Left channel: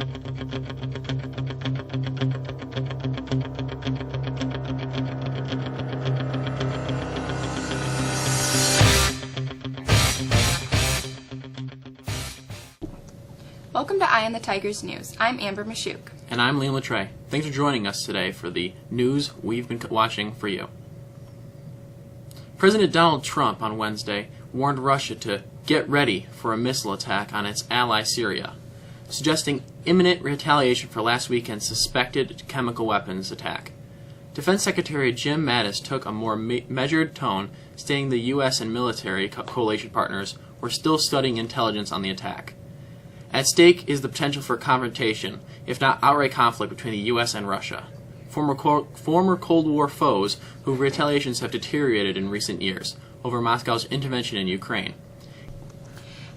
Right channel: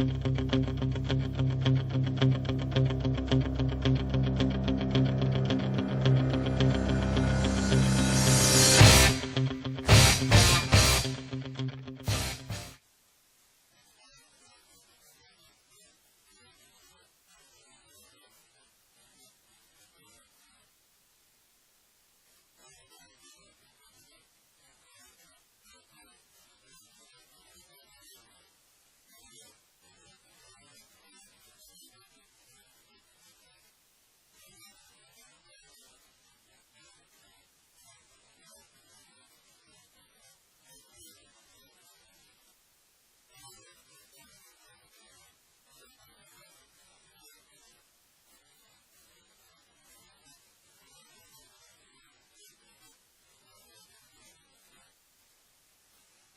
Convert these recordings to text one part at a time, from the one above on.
Welcome to Eye on the Tigers News. I'm Amber Mashuk. And I'm Liam Latre. Thanks for joining us today for the news we've been watching for you. President Donald Trump on Wednesday warned Russia to get ready for a missile attack on its ally Syria, suggesting imminent retaliation for last weekend's suspected chemical weapons attack. Defense Secretary Jim Mattis took a more measured tone, stating the U.S. and military coalition partners were still studying intelligence on the attack. At stake is the potential for confrontation, if not outright conflict, between the U.S. and Russia, former Cold War foes whose retaliations have deteriorated in recent years over Moscow's intervention in Ukraine.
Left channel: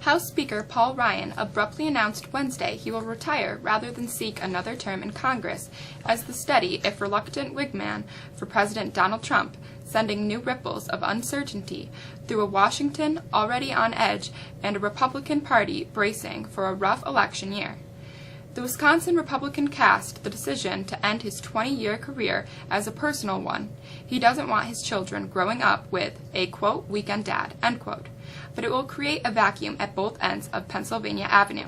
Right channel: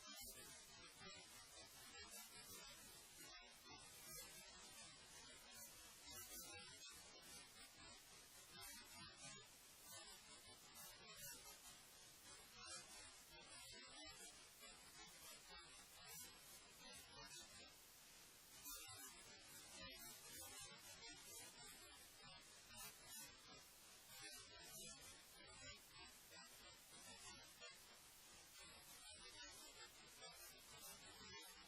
House Speaker Paul Ryan abruptly announced Wednesday he will retire rather than seek another term in Congress as the steady, if reluctant, wingman for President Donald Trump, sending new ripples of uncertainty through a Washington already on edge and a Republican Party bracing for a rough election year. The Wisconsin Republican cast the decision to end his 20-year career as a personal one. He doesn't want his children growing up with a, quote, weekend dad, end quote. But it will create a vacuum at both ends of Pennsylvania Avenue.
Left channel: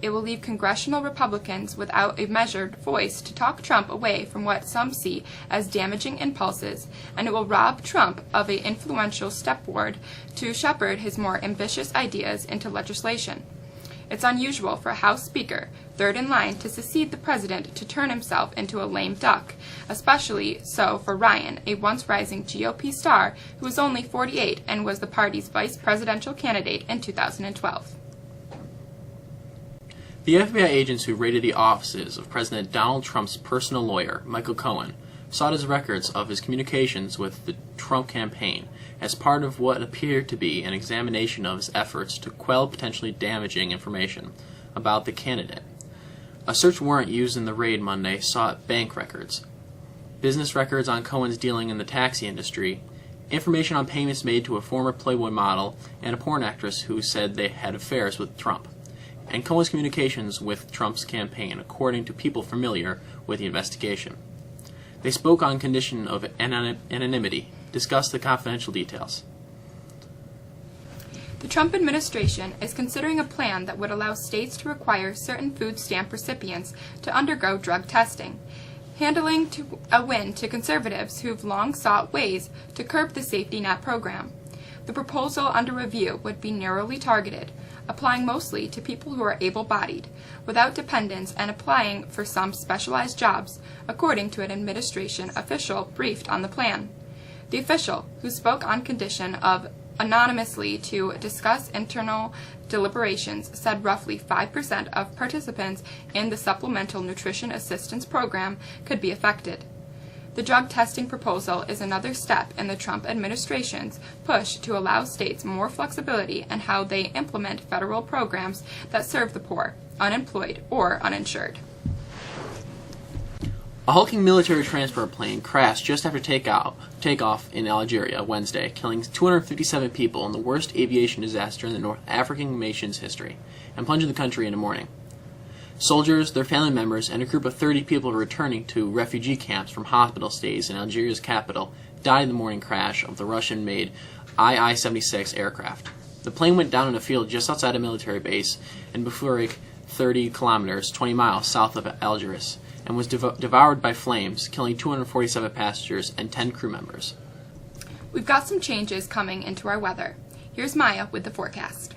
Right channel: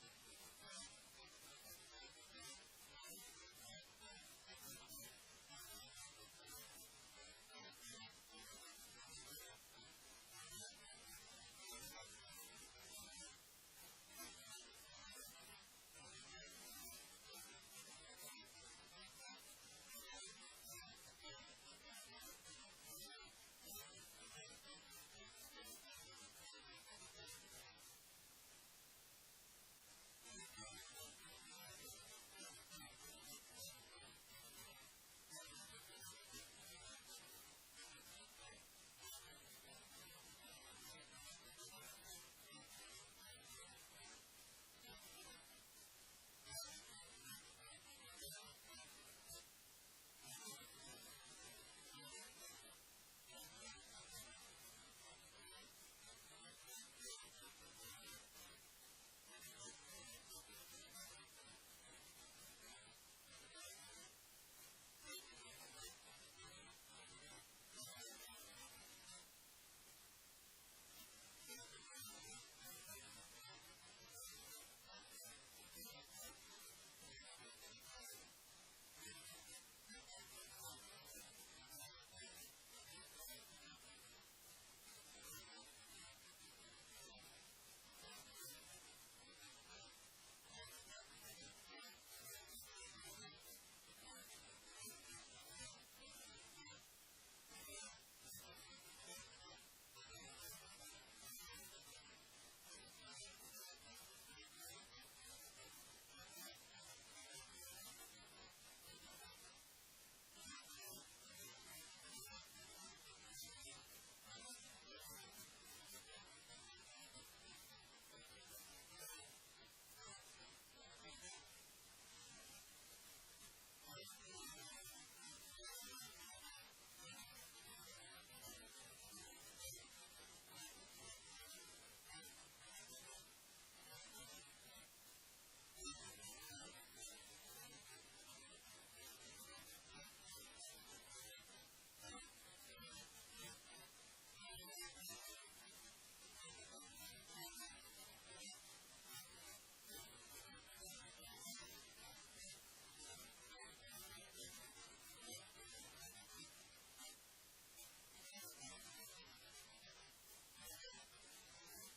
It will leave congressional Republicans without a measured voice to talk Trump away from what some see as damaging impulses, and it will rob Trump of an influential stepward to shepherd his more ambitious ideas into legislation. It's unusual for a House Speaker, third in line to succeed the president, to turn himself into a lame duck, especially so for Ryan, a once rising GOP star who was only 48 and was the party's vice presidential candidate in 2012. The FBI agents who raided the offices of President Donald Trump's personal lawyer, Michael Cohen, sought his records of his communications with the Trump campaign as part of what appeared to be an examination of his efforts to quell potentially damaging information about the candidate. A search warrant used in the raid Monday sought bank records, business records on Cohen's dealing in the taxi industry, information on payments made to a former Playboy model and a porn actress who said they had affairs with Trump, and Cohen's communications with Trump's campaign, according to people familiar with the investigation. They spoke on condition of anonymity, discussed the confidential details. The Trump administration is considering a plan that would allow states to require certain food stamp recipients to undergo drug testing, handling a win to conservatives who've long sought ways to curb the safety net program. The proposal under review would be narrowly targeted, applying mostly to people who are able-bodied, without dependents, and applying for some specialized jobs, according to an administration official briefed on the plan. The official, who spoke on condition of anonymously to discuss internal deliberations, said roughly 5% of participants in the Supplemental Nutrition Assistance Program could be affected. The drug testing proposal is another step in the Trump administration's push to allow states more flexibility in how they implement federal programs that serve the poor, unemployed, or uninsured. A hulking military transport plane crashed just after takeoff in Algeria Wednesday, killing 257 people in the worst aviation disaster in the North African nation's history, and plunging the country into mourning. Soldiers, their family members, and a group of 30 people returning to refugee camps from hospital stays in Algeria's capital died in the morning crash of the Russian-made II-76 aircraft. The plane went down in a field just outside a military base in Boufurik, 30 kilometers, 20 miles south of Algiers, and was devoured by flames, killing 247 passengers and 10 crew members. We've got some changes coming into our weather. Here's Maya with the forecast.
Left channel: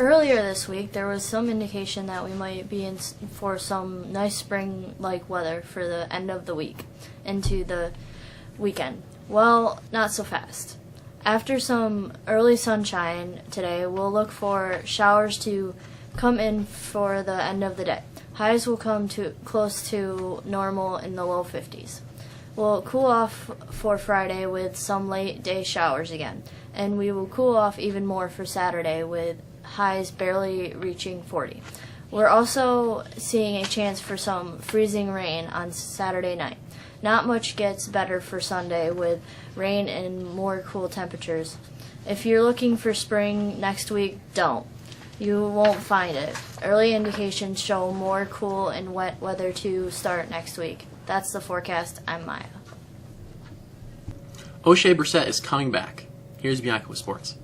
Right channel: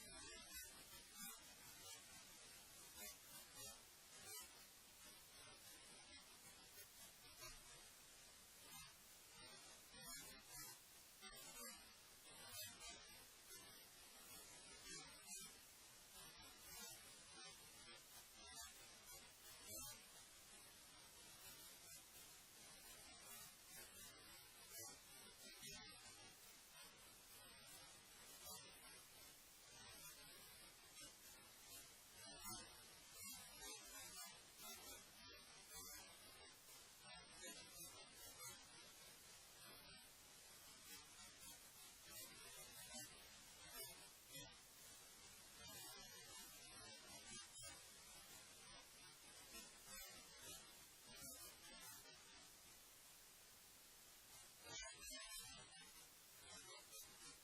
Earlier this week, there was some indication that we might be in for some nice spring-like weather for the end of the week into the weekend. Well, not so fast. After some early sunshine today, we'll look for showers to come in for the end of the day. Highs will come to close to normal in the low 50s. We'll cool off for Friday with some late day showers again, and we will cool off even more for Saturday with highs barely reaching 40. We're also seeing a chance for some freezing rain on Saturday night. Not much gets better for Sunday with rain and more cool temperatures. If you're looking for spring next week, don't. You won't find it. Early indications show more cool and wet weather to start next week. That's the forecast. I'm Maya. O'Shea Brissett is coming back. Here's Bianca with sports.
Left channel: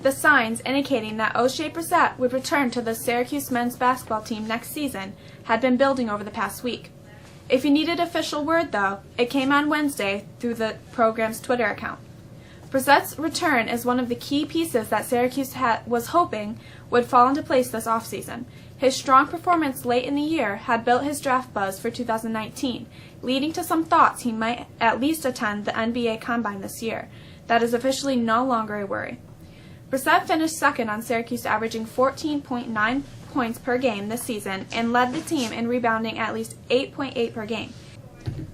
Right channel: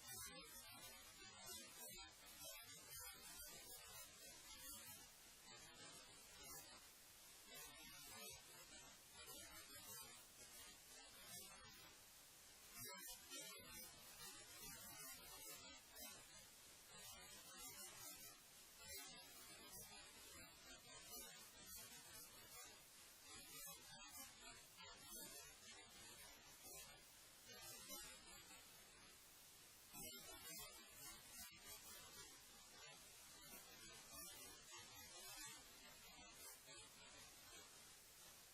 The signs indicating that O'Shea Brissett would return to the Syracuse men's basketball team next season had been building over the past week. If you needed official word, though, it came on Wednesday through the program's Twitter account. Brissett's return is one of the key pieces that Syracuse was hoping would fall into place this offseason. His strong performance late in the year had built his draft buzz for 2019, leading to some thoughts he might at least attend the NBA Combine this year. That is officially no longer a worry. Brissett finished second on Syracuse, averaging 14.9 points per game this season and led the team in rebounding at least 8.8 per game.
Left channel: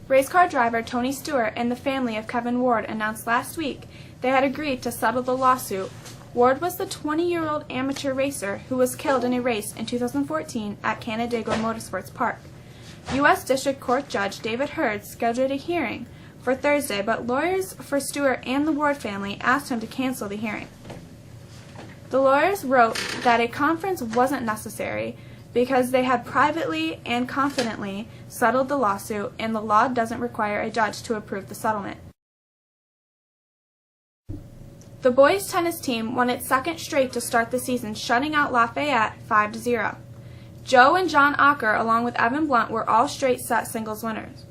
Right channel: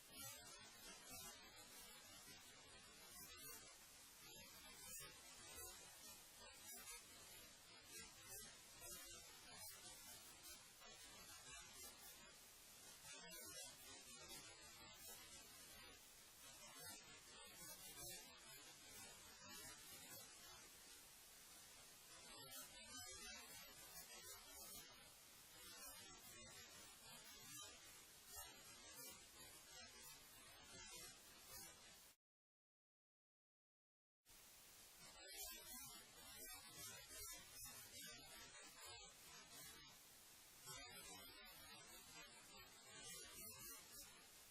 Race car driver Tony Stewart and the family of Kevin Ward announced last week they had agreed to settle the lawsuit. Ward was the 20-year-old amateur racer who was killed in a race in 2014 at Canandaigua Motorsports Park. U.S. District Court Judge David Hurd scheduled a hearing for Thursday, but lawyers for Stewart and the Ward family asked him to cancel the hearing. The lawyers wrote that a conference wasn't necessary because they had privately and confidently settled the lawsuit, and the law doesn't require a judge to approve the settlement. The boys' tennis team won its second straight to start the season, shutting out Lafayette 5-0. Joe and John Ocker, along with Evan Blunt, were all straight set singles winners.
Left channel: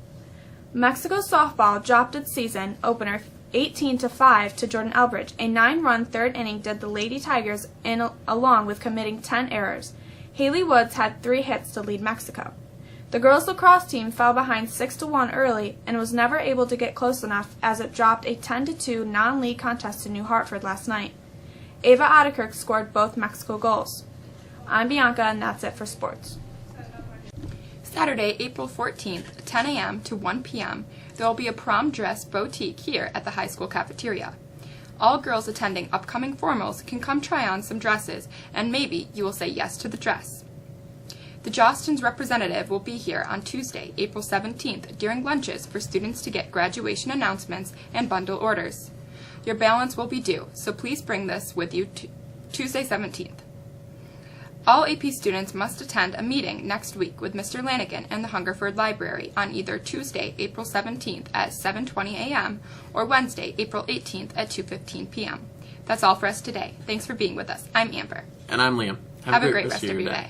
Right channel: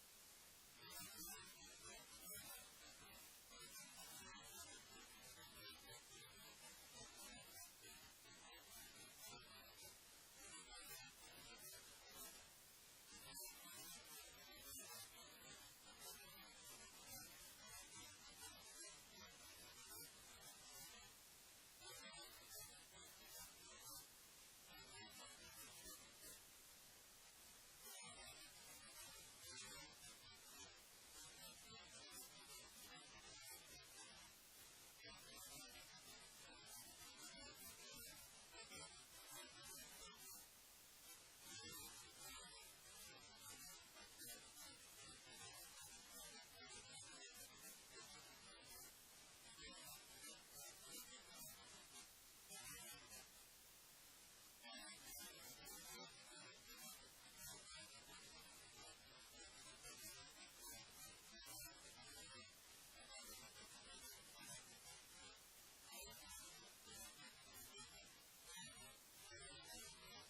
Mexico softball dropped its season opener 18-5 to Jordan Elbridge. A 9-run third inning did the Lady Tigers in, along with committing 10 errors. Haley Woods had 3 hits to lead Mexico. The girls lacrosse team fell behind 6-1 early and was never able to get close enough as it dropped a 10-2 non-league contest to New Hartford last night. Ava Ottekirk scored both Mexico goals. I'm Bianca, and that's it for sports. Saturday, April 14th, 10 a.m. to 1 p.m., there will be a prom dress boutique here at the high school cafeteria. All girls attending upcoming formals can come try on some dresses, and maybe you will say yes to the dress. The Jostens representative will be here on Tuesday, April 17th, during lunches for students to get graduation announcements and bundle orders. Your balance will be due, so please bring this with you Tuesday 17th. All AP students must attend a meeting next week with Mr. Lanigan in the Hungerford Library on either Tuesday, April 17th at 7:20 a.m. or Wednesday, April 18th at 2:15 p.m. That's all for us today. Thanks for being with us. I'm Amber. And I'm Liam. Have a great rest of your day.